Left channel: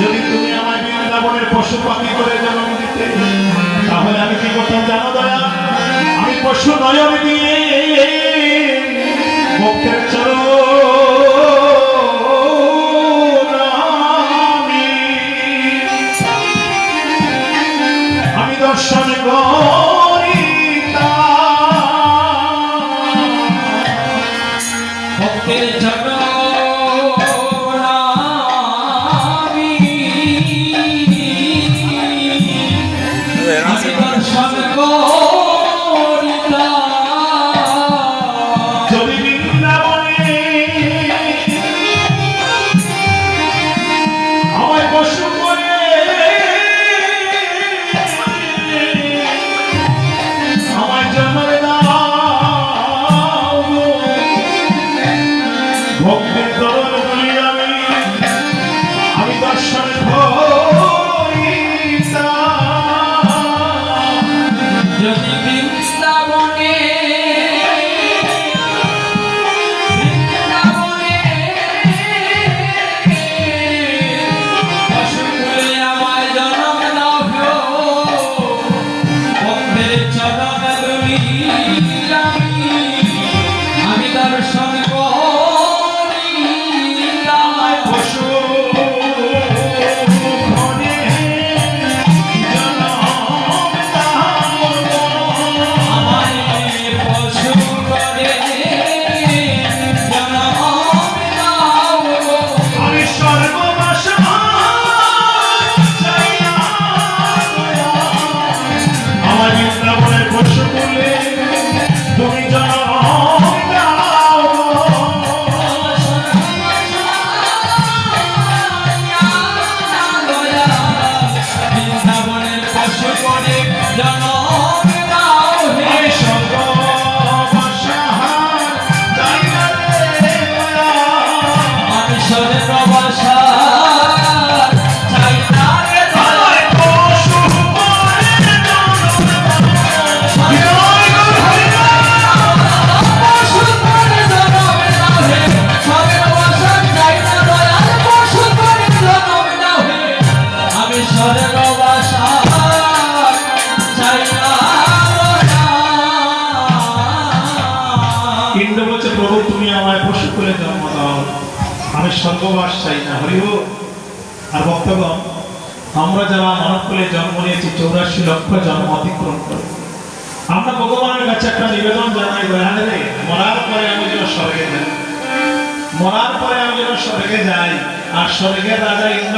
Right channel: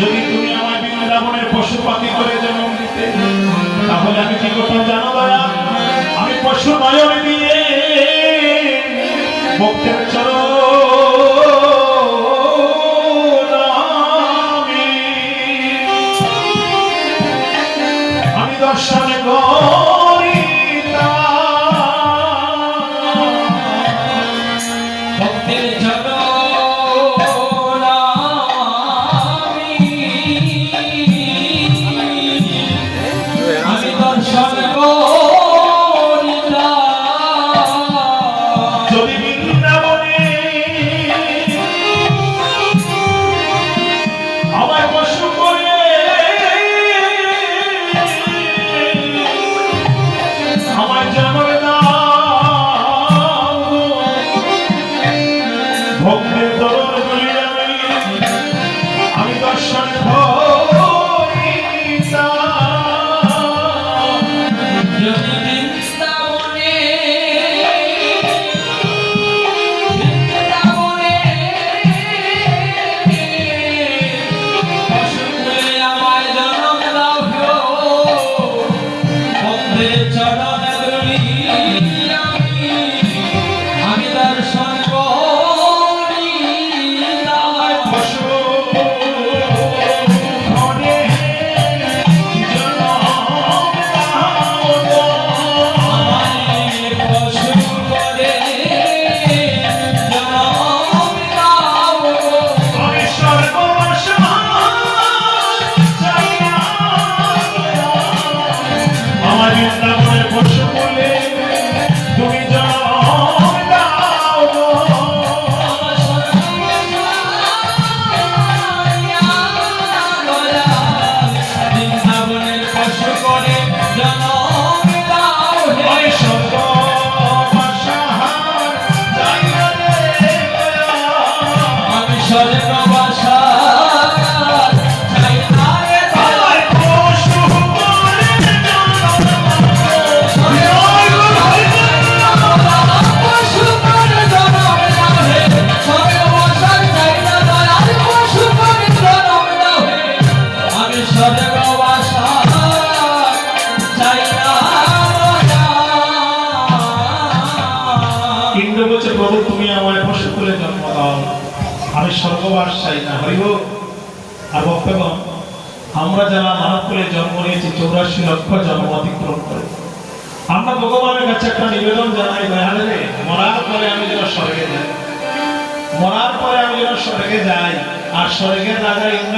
যদি তুমি আমার বৃন্দাবনের পশু পাখি করে জন্ম দিতে, তাহলে আমি কি করতাম জানো দয়া? আমি পশু নয়ন দিয়ে ভক্তের চরণ আমি দর্শন করিতাম। ভক্তের চরণ যদি বৃন্দাবনে আমায় পশু করে আমায় জন্ম দাও, ভক্তের দরদ বলি আমি দর্শন যদি বৃন্দাবনে পশুকুলে আমায় জন্ম দাও গো, ভক্তের চরণ ধুলি আমি দর্শন করি। পশু প্রভু তুমি আমায় পশুকুলে জন্ম দাও, আমি স্বর্গবাস চাই না। হরি হোক। আর ভক্তগণ, আমরা যারা মানবকুলে জন্ম নিয়েছি 84 লক্ষ জন্ম অতিক্রম করে, আমরা ভগবানের কাছে একটা নিবেদন জানাই, দয়ালে মরার পরে আমি যেন স্বর্গে যাই, মরার পরে আমি যেন স্বর্গে যাই, আর স্বর্গের রাজা ইন্দ্র